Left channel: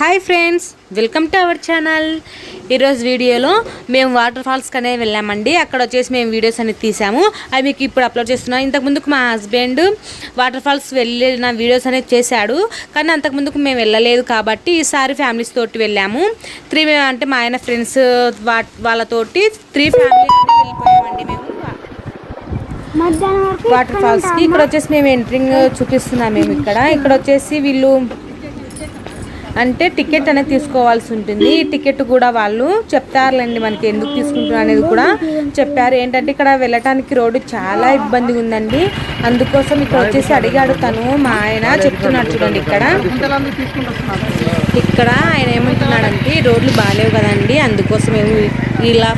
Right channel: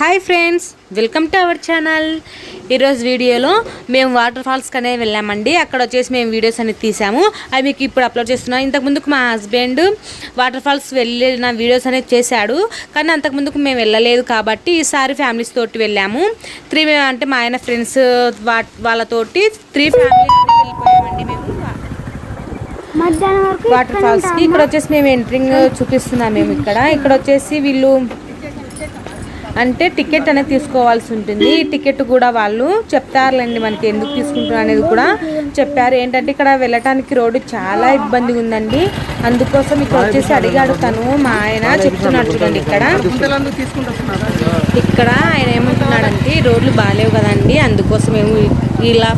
Hi friends, welcome to our channel. ఈరోజు వీడియోలో మేము వాటర్ ఫాల్స్కి అనేది వెళ్ళామండి. అక్కడ వచ్చేసి మేము వీడియోస్ అనేది తీసాము. అవి మీకు ఇప్పుడు అప్లోడ్ చేస్తున్నాం. ఇంతకుముందుకు మా హస్బెండ్ వాటర్ ఫాల్స్ వెళ్ళిన వీడియోస్ అనేది చేశాడు, కానీ అంతకుముందుకు మేము వెళ్ళలేదు కాబట్టి ఈసారి ఫ్యామిలీస్ తోటి వెళ్ళాము. అంటే మా ఆయన ఫ్రెండ్స్ వాళ్ళతోటి 3 ఫ్యామిలీ వెళ్ళిపోయామండి మేము వాటర్ ఫాల్స్కి. ఇక్కడ వచ్చేసి మేము ఎంట్రింగ్ చూపిస్తున్నాం. మేము ఇక్కడ వచ్చేసి వీళ్ళు అంటే టికెట్ అనేది తీసుకోవాల్సి ఉంటుంది. ఈ టికెట్ కూడా వాళ్ళు చెప్తారులేండి మనకి ఎందుకు తీసుకుంటున్నారు అనేది కూడా చెప్పారు. ఏంటంటే ఇక్కడ వెళ్ళటానికి రోడ్డు చాలా ఇబ్బందిగా ఉందండి. అందుకోసం ఇక్కడ వచ్చేసి అడిగాడు తను, మా ఆయన చెప్తున్నాడు చూడండి. ఇక్కడ ఆయన ఏమంటున్నాడంటే రోడ్లు బాగాలేవు కదండి, అందుకోసం మేము ఇలా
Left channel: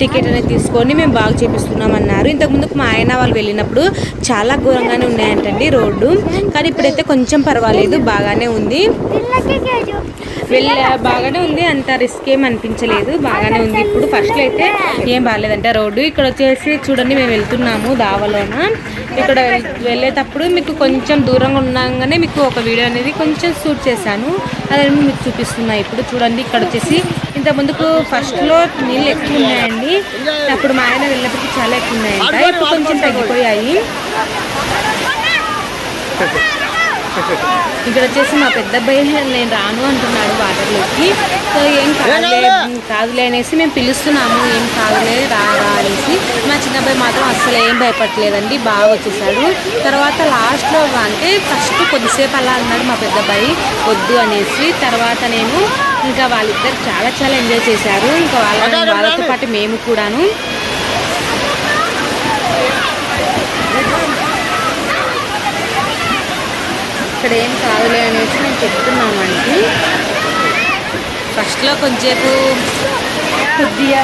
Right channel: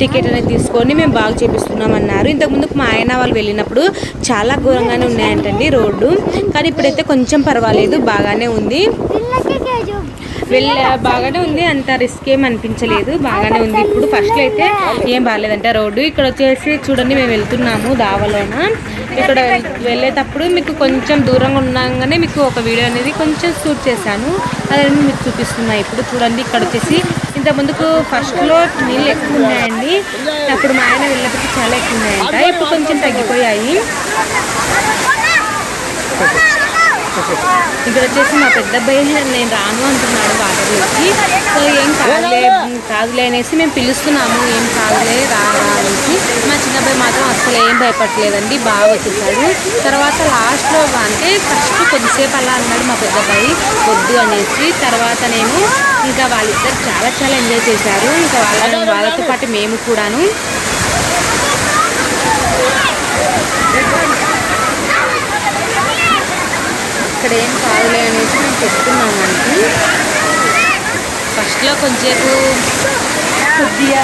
టికెట్ అనేది తీసుకొని మేము బాగా చేపిస్తున్నాం అన్నారు. ఇంతకుముందుకు మా ఆయన వాళ్ళు వెళ్ళినప్పుడు చాలా ఘోరంగానే ఉన్నాయంటండి రోడ్డు, కానీ ఇప్పుడైతే కొంచెం పర్వాలేదు, బాగానే ఉంది. బాగానే ఉంది, అంత రిస్క్ ఏం అనిపించలేదు, బాగానే ఉంది. ఇప్పుడు ఫస్ట్లో అయితే ఏం బాగాలేదంటే రోడ్డు. ఇక్కడ వచ్చేసి చూడండి మేము వెళ్తున్నాము దావలోన. ఇక్కడ వెళ్ళేటప్పుడు మీకు కొంచెం దూరంగా ఉండగానే మీకు ఒక వీడియో అనేది కొంచెం షూట్ చేశాను, అదే మీకు చూపిస్తున్నా. ఇప్పుడు చూడండి ఇక్కడ వచ్చేసి ఇంత ముందుకు ఫస్ట్లో నీళ్ళు ఎక్కువ ఉన్నాయండి, అప్పుడు మా ఆయన వెళ్ళేటప్పుడు చాలా ఎక్కువ ఉన్నాయంట, ఇప్పుడు కొంచెం తగ్గిపోయాయి. ఇక్కడ వచ్చేసి మా పెద్ద అబ్బాయి నేను రాను అంటున్నాడు వాటర్లోకి. సో ఏం కాదులే అనేసి మేము పిలుస్తున్నాము, ఏం కాదులే రా అనేసి. మా చిన్న అబ్బాయి మాత్రం అస్సలు ఏం భయపడలేదండి, బాగా వచ్చేసాడు. తర్వాత లాస్ట్లో అంటే ఫస్ట్ కొద్దిసేపు అలా అన్నాడు మా పెద్ద అబ్బాయి వద్దు అనేసి. తర్వాత నేను ఇంకా వాళ్ళిద్దరు చాలా ఎంజాయ్ చేశారు. ఇంకా వాళ్ళతో పాటు మేము కూడాను. ఇక్కడ ఏం కాదులే అనేసి మేము చెప్తున్నామండి. ఫస్ట్లో కొంచెంసేపు కొద్దిగా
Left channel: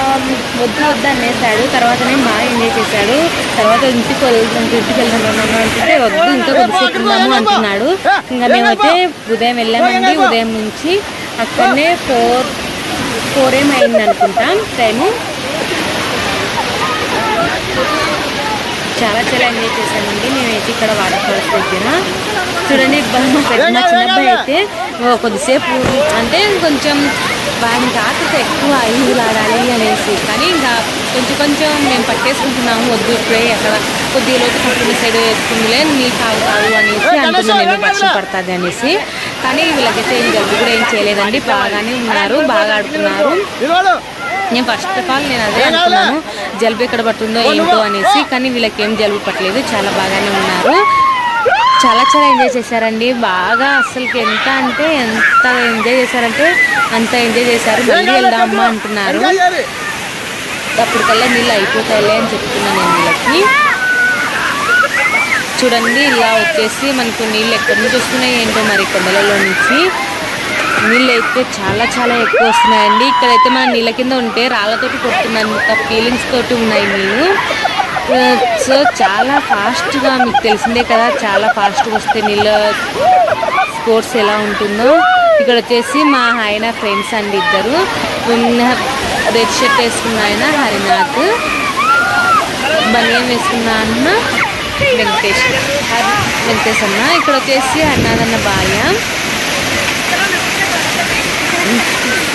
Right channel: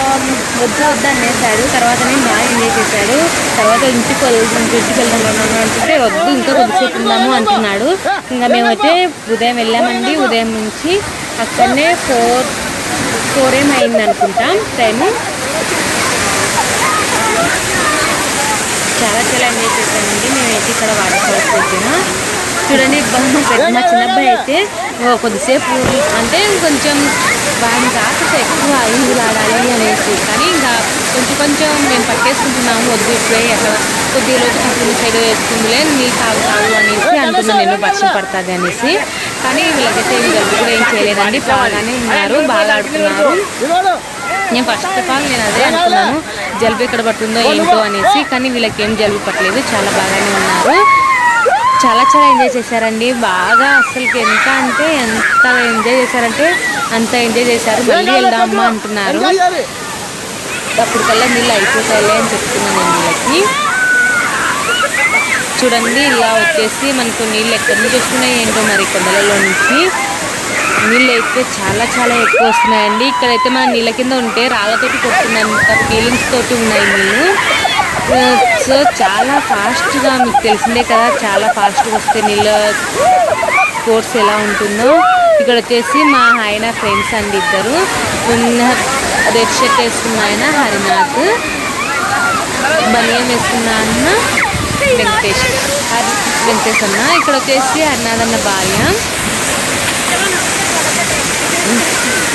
వద్దు అనేసాడు, తర్వాత నేను బాగా ఎంజాయ్ చేశాడు. తర్వాత ఇంటికి వెళ్దాం అంటే వద్దు ఇంకా కొద్దిసేపు ఉందాము అంటున్నాడు. ఇంకా మేమైతే ఉదయం వెళ్ళామండి. ఉదయం నుంచి అక్కడనే 4 ఏమైంది అనుకుంటాం టైము. చాలా ఎంజాయ్ చేశామండి మేమైతే ఇక్కడ వాటర్ ఫాల్స్ దగ్గర. చూడండి మా చిన్న అబ్బాయి అయితే కొద్దిసేపు అంటే కొంచెం వాడికి ఆకలితో ఎక్కువ ఈదులాడాలి అనేసి, కానీ ఇంకా కొంచెం మేము పట్టేసుకుంటున్నాము. వద్దు ఇప్పుడే అక్కడ కొద్దిగా లోతు తక్కువ సైడ్ వేస్తుందిలే, నీళ్ళు తాగుతావు అనేసి అంటున్నాను నేను, వర్షం పడుతుంది అనేసి. కానీ వీళ్ళకైతే ఏం జలుబు కూడా ఏం చేయలేదండి, బాగానే ఉన్నారు, బాగా ఆడుతున్నారు. నేను ఫస్ట్ ఆఫ్ ఆల్ నేను అదే అనుకున్నాను, జలుబు ఎక్కడ పడుతుందో ఏంటో అనేసి, కానీ వీళ్ళకి ఏం జలుబు పట్టలేదు, చాలా బాగానే ఉన్నారు. చాలా ఎంజాయ్ చేశారండి బాగా. అసలుకి ఎంత ఎంజాయ్ చేశారంటే అంత ఎంజాయ్ చేశారు. మళ్ళీ వెళ్దామమ్మా అంటున్నారు. అప్పటికల్లా నీళ్ళు అయిపోతాయిలే అని చెప్తున్నాను నేను వీళ్ళకి. చూడండి ఇలా వచ్చేసి మనకు నీళ్ళు ఎక్కడి నుంచి వస్తున్నాయి ఏంటో మరి, కొండలలో నుంచి నీళ్ళు అయితే చాలా ఎక్కువ వస్తున్నాయండి. ఇక్కడైతే మన నీళ్ళ కింద ఉంటే రాళ్ళతోటి కొడుతున్నంత ఫీలింగ్స్ తోటి ఉన్నాయి నీళ్ళు. సో చాలా ఫాస్ట్గా, మీకు తెలిసిందే కదా, చాలా ఫాస్ట్గా వస్తే నీళ్ళ స్పోర్ట్స్ ఎలా ఉంటుందో. ఇక్కడ వచ్చేసి మా ఆయన ఫ్రెండ్స్ అండి ఇద్దరు. రెడ్ షర్ట్ వేసుకున్న ఆయన హరినాథ్, బనియన్ వేసుకున్న అన్న వెంకటేష్ అన్న. ఇక్కడ వచ్చేసి హరినాథ్ అన్న భార్య.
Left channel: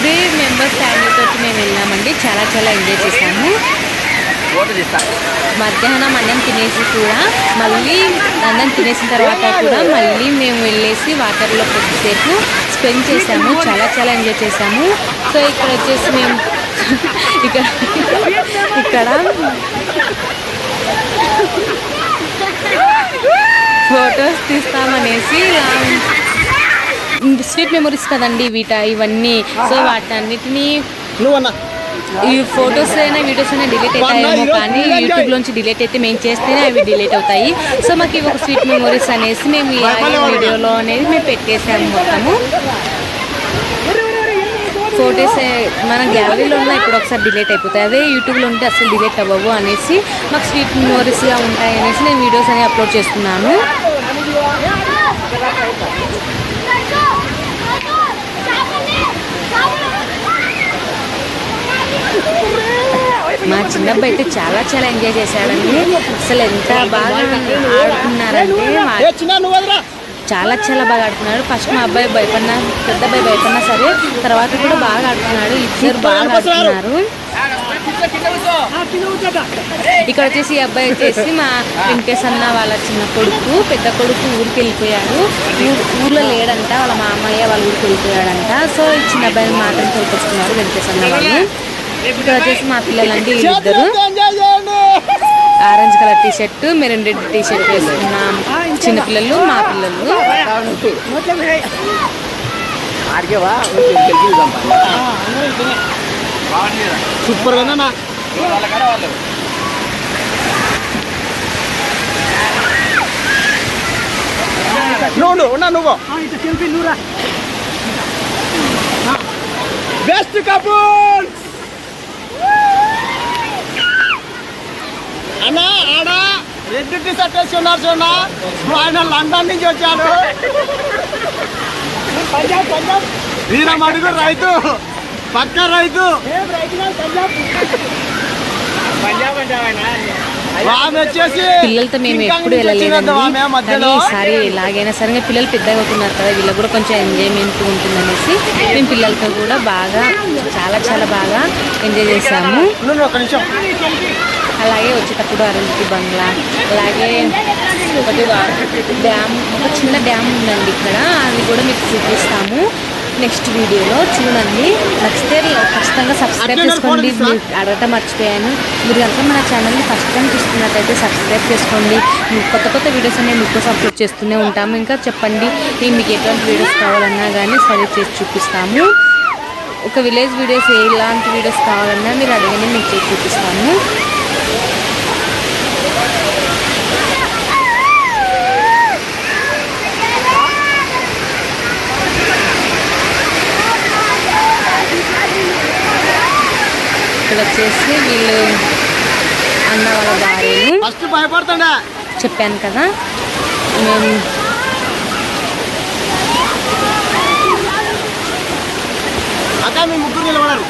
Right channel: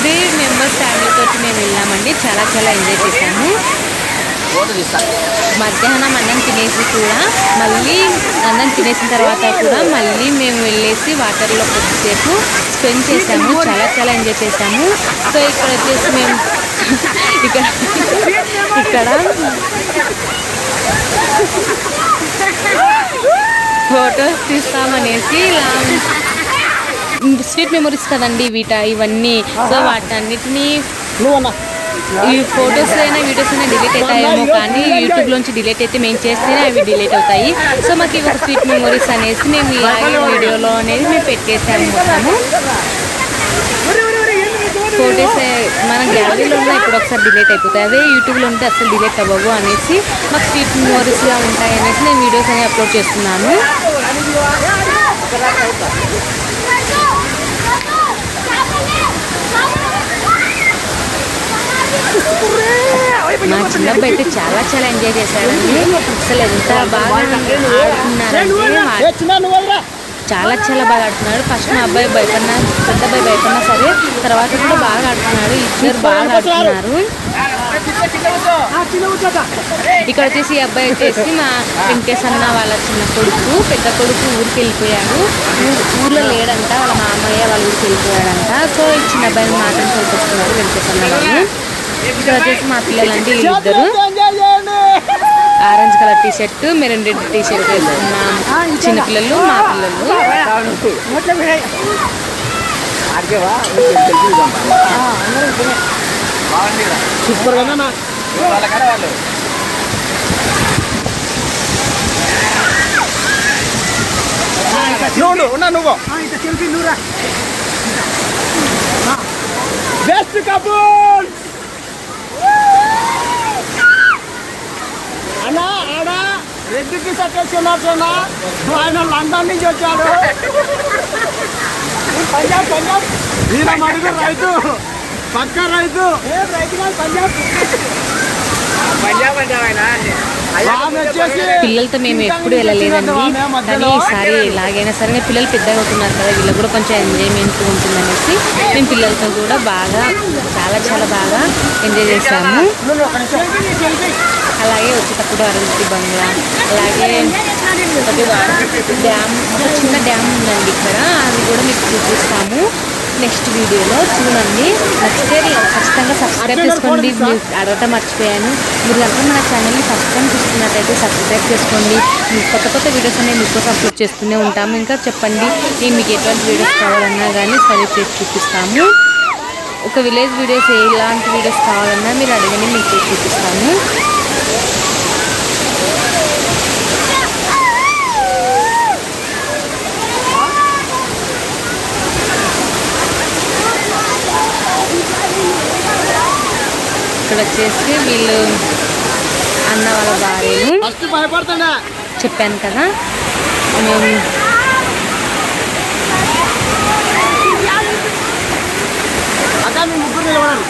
3 మెంబర్స్ ఫ్యామిలీ తోటి మేము వెళ్ళామండి. చాలా ఎంజాయ్ చేశాము. మధ్యాహ్నం అన్నం తినేసి కూడా మళ్ళీ అన్నం తినేసిన తర్వాత కూడా మళ్ళీ మేము వెళ్ళేసి వాటర్లో కొద్దిసేపు స్పెండ్ చేసాము. చాలా ఎంజాయ్ చేసాము. సో ఇక్కడ వచ్చేసి మేము ఇక్కడ ఫొటోస్ తీస్తామనేసి ఇలా స్వీట్ మెమరీస్ కదండి ఇవన్నీ. సో వాటన్నిటినీ ఈ ఫొటోస్ అయినా వీడియోస్ అయినా డిలీట్ అవుతాయేమో, కానీ యూట్యూబ్లోంచి డిలీట్ అయితే మేము చేస్తేనే అవి డిలీట్ అవుతాయి. సో మాకు ఇవి ఒక స్వీట్ మెమరీస్ అనేసి మేము ఈ వీడియోలో అనేది మేము పెట్టేసాము. మొత్తము ఫొటోస్ మన గ్యాలరీలో ఉన్న ఇప్పుడు ఒకసారి డిలీట్ అయిపోతాయి, అదే యూట్యూబ్లో ఉంటే అసలు డిలీట్ అవ్వవు అనేసి మాకు స్వీట్ మెమరీస్గా ఉంటాయి అనేసి నేను వీడియోస్ అనేవి అప్లోడ్ చేస్తున్నాను. మా చిన్నబ్బాయి అయితే చాలా ఎంజాయ్ చేశాడండి. అసలు ఎంత బాగా ఆడుతున్నారంటే చాలా చాలా బాగా ఆడుతున్నాడు. ఫస్ట్ మా అబ్బాయి భయపడినా, పెద్ద అబ్బాయి భయపడినా సరే తర్వాత కూడా బాగా ఆడుతున్నాడు. ఇద్దరు బాగా ఆడుతున్నారు. ఇక్కడ వచ్చేసి ఈ అబ్బాయి వచ్చేసి మా వెంకటేశ్ అన్న వాళ్ళ చిన్న కొడుకు. పెద్ద కొడుకు ఊరికి వెళ్ళిపోయాడు, ఊర్లో లేడంట, వాళ్ళ మామయ్య వాళ్ళ ఊరికి వెళ్ళిపోయాడంట. సో ఈ చిన్న అబ్బాయిని మాత్రం తోలుకొచ్చుకున్నారు వెంకటేశ్ అన్న వాళ్ళు. ఇక్కడ వచ్చేసి మా పిల్లలంటే వీళ్ళిద్దరు orange colour T shirt, maroon red T shirt వేసుకున్నాం. చిన్నపిల్లలు, మా పిల్లలు. సూపర్ గా నువ్వు బెస్ట్ కపుల్ అన్నా. ఆడ రెడ్ టీ షర్ట్ వేసి ఉన్నారు చూడ, ఆయన లండన్ నుంచి వచ్చాడు. ఈయన మడుగు రైతు, పక్క రైతు. పిల్లలతో మేము ఎప్పుడు వెళ్ళలేదండి, కానీ ఈసారి ఎలాగైనా సరే పిల్లలు పెద్దగా అవుతున్నారు కదా, వీళ్ళకి కూడా కొంచెం ఎంజాయ్మెంట్ ఉంటుందనేసి మేము పిల్లలతో కూడా బాగా చాలా చాలా బాగా ఎంజాయ్ చేసాము. అలాగే వచ్చేటప్పుడు అరుంధతి బంగ్లా, అలాగే ఒకటి డ్యామ్, ఒక చిన్న డ్యామ్ ఉందండి ఇక్కడ, అది కూడా మీకు చూపిస్తాము నెక్స్ట్ వీడియోలో. చూడండి, నచ్చితే ఖచ్చితంగా సబ్స్క్రైబ్ చేసుకోండి. మీరు అడగటం మర్చిపోయాను, మీరు కనుక మన ఛానల్ని ఫస్ట్ టైం చూస్తున్నట్టయితే సబ్స్క్రైబ్ చేసుకోండి. కొత్త కొత్త వీడియోస్ అనేవి మీకోసం అప్లోడ్ చేస్తూనే ఉంటాము. ఇంకా చెప్పండి మీకు ఎటువంటి వీడియోస్ కావాలన్నా కానీ సరే చేసి చూపిస్తాము. ఒక విలేజ్ వీడియోస్ ఎలాంటి వీడియోస్ కావాలన్నా మీరు అడగని మీకు చేసి చూపిస్తాము. ఇక్కడ వచ్చేసి వీళ్ళు అన్న వాళ్ళ భార్యలు. చెప్పాను కదా మేము అక్క మీ ముగ్గురు నిలబడారు.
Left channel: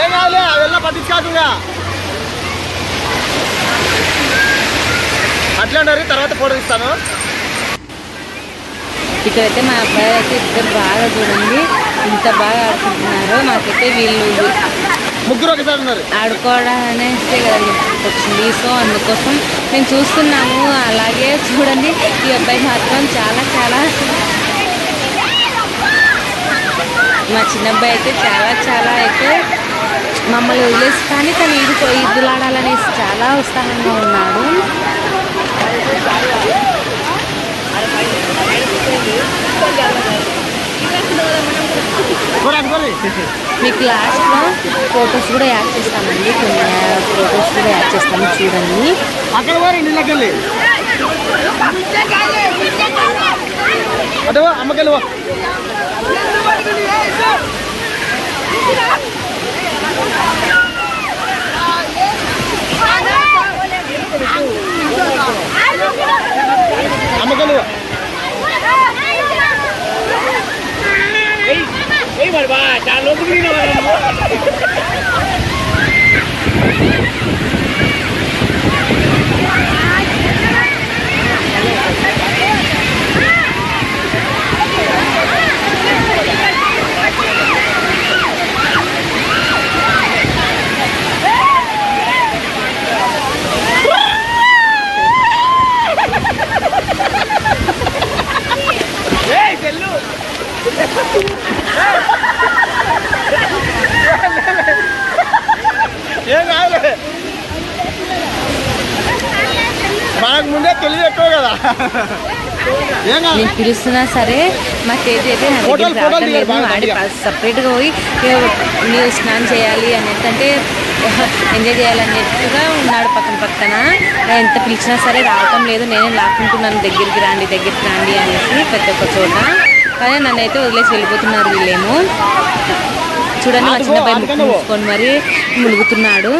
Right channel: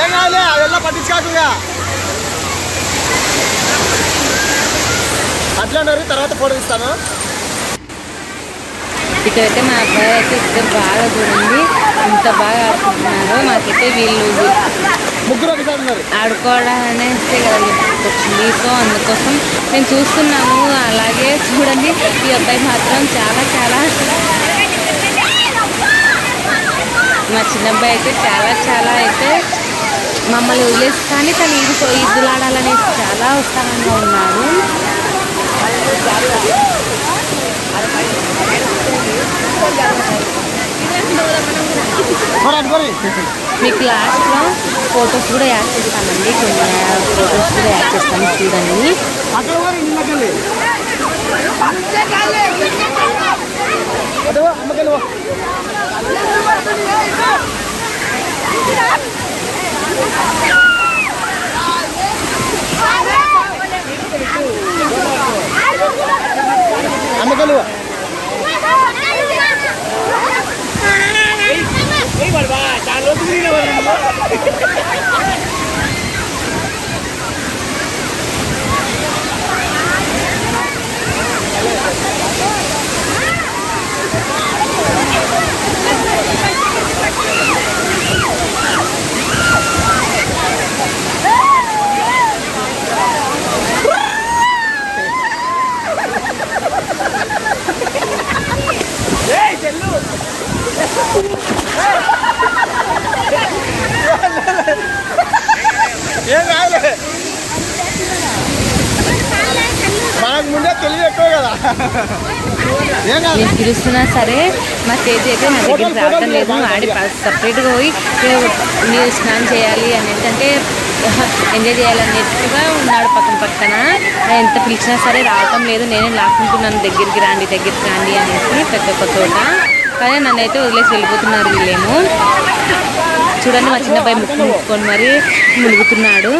ఏం కావాలి అವೆಲ್ಲ పట్టించుకోకుండా అట్లా ఉండారు. తర్వాత ఫోటో తీస్తాను. ఇక్కడైతే మా అబ్బాయి అయితే ఇద్దరు బాగా చూడండి ఇంత బాగా ఆడుకుంటున్నారు. మాకైతే వీళ్ళు ముగ్గురు ఒకసారి ఉన్నారు ఆడుకోవడం అనేసి కదా వచ్చింది. సో అందుకోసం మేము చూస్తున్నాము. అలాగే చూడండి ఈ అబ్బాయి మాత్రం చాలా చాలా, మా చిన్నబ్బాయి అయితే చాలా చాలా అయితే మమ్మల్ని వదిలేసి కానీ తను ఈదులాడాలనేసి చాలా ఉత్సాహంగా ఉన్నాడు. మీకు లాస్ట్లో ఫొటోస్ కూడా యాడ్ చేస్తామండి, కొన్ని ఫొటోస్ కూడా యాడ్ చేస్తాము చూడండి. అమ్మగలు ఏం కాదులే, మనకు ముందే తెలియదు ఎక్కువ కదా. నేను పిలుస్తున్నా సరే మా తేజ్ అయితే నా దగ్గర రావటం లేదు. ఆడి సపరేట్గా పోయి నీరు స్నానం చేయాలి అనేటంటే ఎంజాయ్ చేయాలనేట్టుగా ఉన్నాడు పక్కన పక్కన. ఎంత పిలిచినా సరే రావటం లేదు. నేనే లాక్కుంటున్నాను దగ్గరికి రాండి అనేసి ప్రతి ఒక్క చోట. కానీ నన్ను అయితే వదిలేసి వెళ్ళిపోతున్నారు వీళ్ళేమో. చూడండి మా చిన్నబ్బాయి ముక్కు మూసుకొని మరి మునుగుతున్నాడు.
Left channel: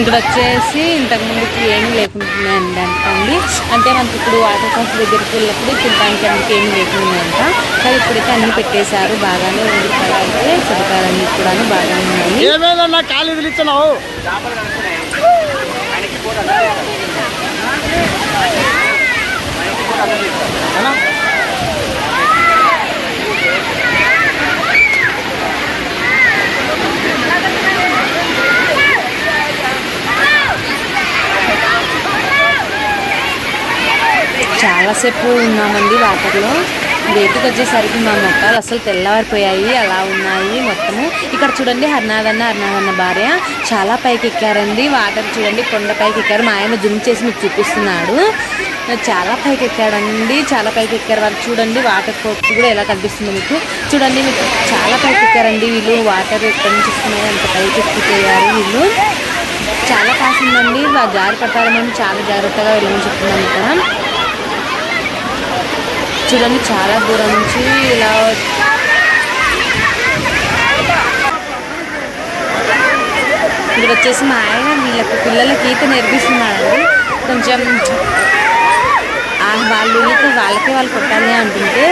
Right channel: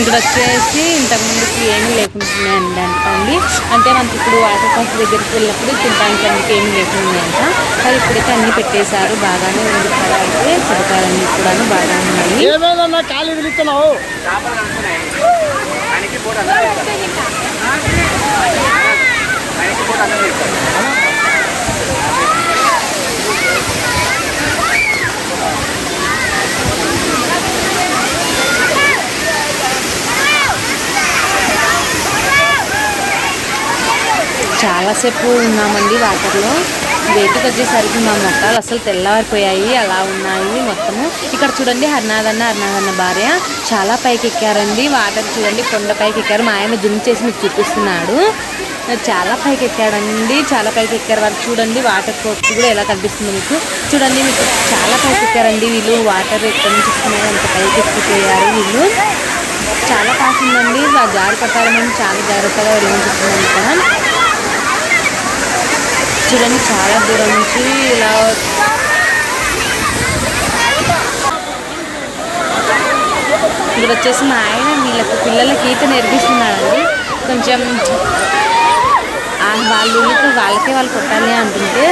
ఇక్కడ వచ్చేసి ఇంతకుముందుకి ఏమీ లేకుంటున్నాయండి. అంటే మనకి ఇప్పుడు వాటర్ ఫాల్స్ దగ్గరికి వెళ్ళినప్పుడు తినడానికి అందుకు ఏమీ లేకుండాయంట. కానీ ఇప్పుడైతే అన్నీ పెట్టేశారు. బాగానే ఉంది ఇక్కడ అయితే సదుపాయాలన్నీ కూడా బాగానే ఉన్నాయి. ఏమేదన్నా ఖాళీ పిలుస్తున్నావు చాలాసేపు ఉన్నామండి వాటర్లో. బయటకు వచ్చేసరికి మా మొక్కలు అసలు తెల్లవారిపోయాయి, అలా ఉన్నాయి మొత్తము. ఇక్కడ చూడండి హరినాథన్న భార్య చాలా పైకి ఎక్కారండి. వాటర్ చూడండి కొండ పైకి ఎక్కారు. మా ఆయన జూమ్ చేసి మీకు చూపిస్తున్నాడు. చాలా పైకి ఎక్కాడండి, చాలా పైకి ఎక్కారు వాళ్ళు. చూడండి వాటర్ ఫోర్స్ కూడా ఎలా కనిపిస్తుందో మీకు. చూడండి మీకు చాలా పైకి ఎక్కారండి వీళ్ళు. వాటర్ ఎక్కడి నుంచి వస్తున్నాయి అంత పైకి ఎక్కిపోయారు వీళ్ళు. చాలా పాస్ ఉందండి. జారి పడతారేమని చాలా జాగ్రత్తగా వెళ్ళమని చెప్తున్నాను ఇక్కడ. చూడండి చాలా దూరం నుంచి ఇలా ఇక్కడ వచ్చేసి మా ఆయన వీళ్ళకి పిల్లలకి ఈత నేర్పిస్తున్నాడండి. కొంచెం వాళ్ళు ఈత వాళ్ళకే వాళ్ళు కొట్టాలి అంటుంటే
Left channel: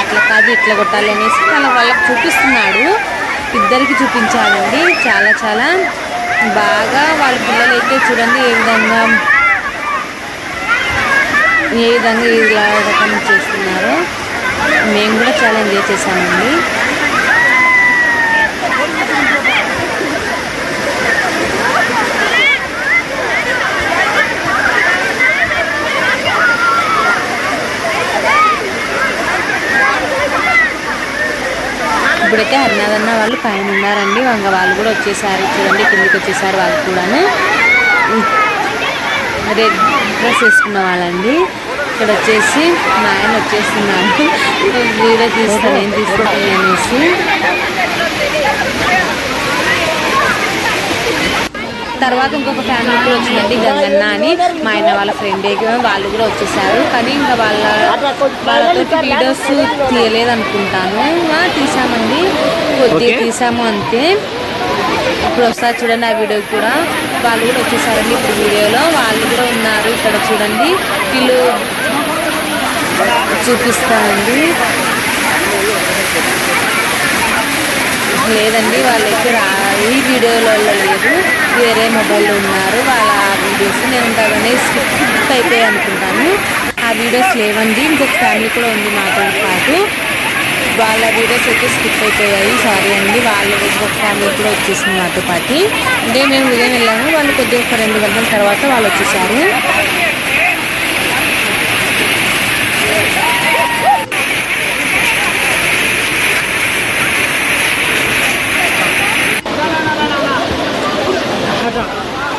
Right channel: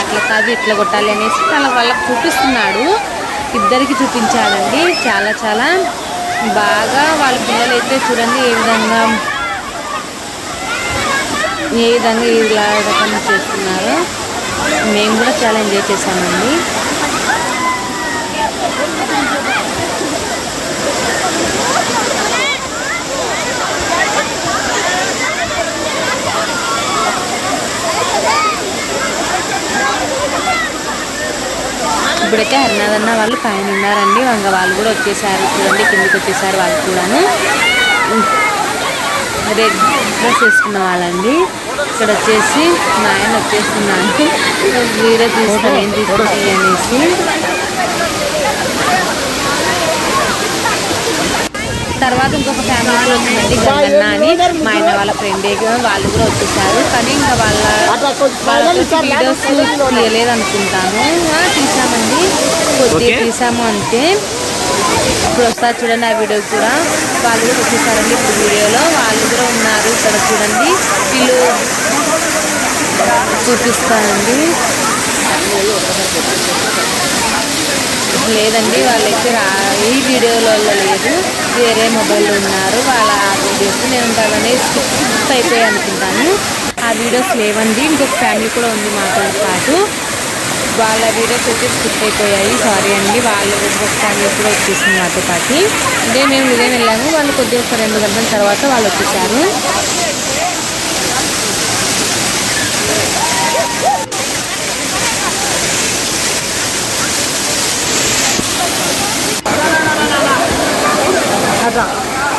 అట్లా కాదు ఇట్లా కొట్టాలి అనేసి వాళ్ళకి చూపిస్తున్నాడు. ఇద్దరికి చూపించాడండి. చాలా చాలా బాగా వాళ్ళ పిల్లలైతే చూడండి ఏ విధంగా ఇలా రకం చేస్తున్నారు. మేము కూడా చాలా ఎంజాయ్ చేసామండి. ఇప్పుడైతే హరినాథన్న వాళ్ళు పైన ఉన్నారండి. వాళ్ళు కూడా వచ్చేసారు. చూడండి కిందికి వచ్చేసారు వాళ్ళు కూడాను. రెడ్ డ్రెస్ వేసుకున్న వాళ్ళండి. ఇక్కడ వచ్చేసి మా ఆయన వచ్చేస్తున్నాడు. వీడియో తీస్తాను ఏం తీసుకుంటాయి అనేసి. తర్వాత ఇంకొక ఫ్యామిలీ కూడా వచ్చిందండి, గంగన్న అని మా ఆయన వాళ్ళ ఫ్రెండే. వాళ్ళు కూడా వచ్చేసారు. కానీ ఇంకా వాళ్ళతో వీడియోస్ తీయలేదు అనుకుంటాను. తీసామండి, కొద్దిగా తీసాము అంతే. ఇప్పుడు వస్తారు చూడండి ఆ వీడియో కూడా. వాళ్ళు కూడా వచ్చేసారండి ఇప్పుడు వీడియోలో. వాళ్ళు కూడా ఉన్నారు ఇక్కడ చూడండి. వీళ్ళు చూపిస్తారండి. లేదండి వాళ్ళైతే ఈ వీడియోలో లేదు, వేరే మొబైల్లో ఉన్నారు. వాళ్ళ ఆ వీడియోస్ నేను ఉంటానే స్కిప్ అయిపోయాయి అనుకుంటాను. ఆ వీడియోస్ లేవండి. ఇంకొక ఫ్యామిలీ కూడా ఉంది మాతో పాటు. వాళ్ళ వీడియోస్ అయితే స్కిప్ అయిపోయాయి, సారీ అండి. వాళ్ళు ఇంకొక ఫ్యామిలీ కూడా వచ్చేసింది మాతో పాటు. అంటే మేము ఉదయం వెళ్ళాము, వాళ్ళు కొద్దిగా ఒక 2 గంటల తర్వాత వాళ్ళు వచ్చేసారు.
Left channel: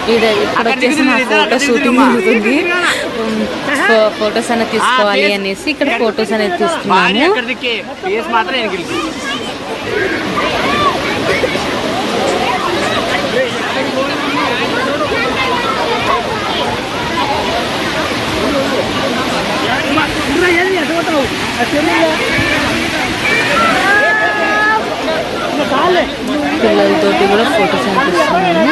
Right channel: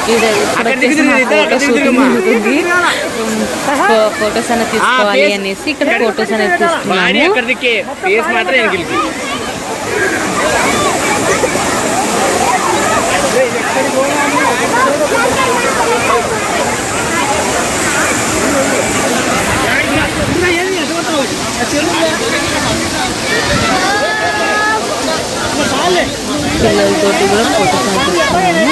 ఇక్కడ వచ్చేసి మా ఫోటో షూటింగ్ జరుగుతుంది. ఫొటోస్ అనేది తీసుకోవాలి అనేసి ఇక్కడ ఫొటోస్ అనేది తీసుకున్నాము. పిల్లలతోటి కూడా ఫొటోస్ అనేది తీసుకున్నాము.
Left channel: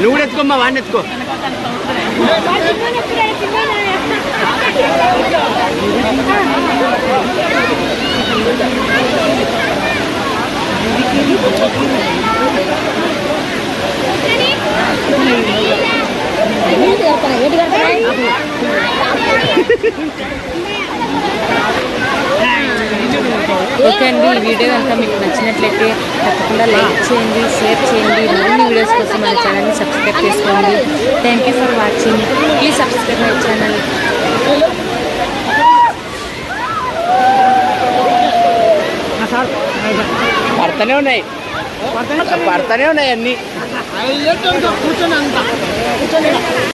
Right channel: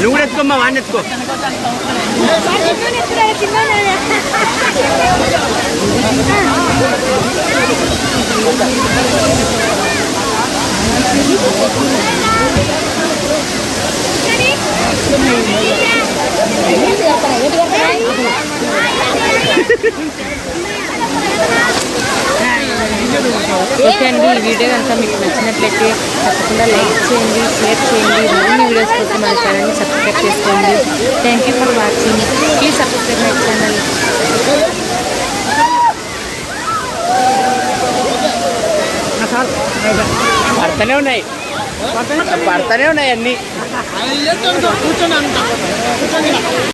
నువ్వు కూడా ఎత్తుకోమ్మా, వాడిని ఎత్తుకో. ఓకే అండి, ఈ వీడియో కనుక మీకు నచ్చినట్లయితే తప్పకుండా లైక్ చేయండి, షేర్ చేయండి. మరిన్ని వీడియోస్ కోసం మన ఛానల్ని సబ్స్క్రైబ్ చేసుకోండి. Thank you for watching. Please subscribe my channel. పడతానే ఉన్నాయి అన్నీ.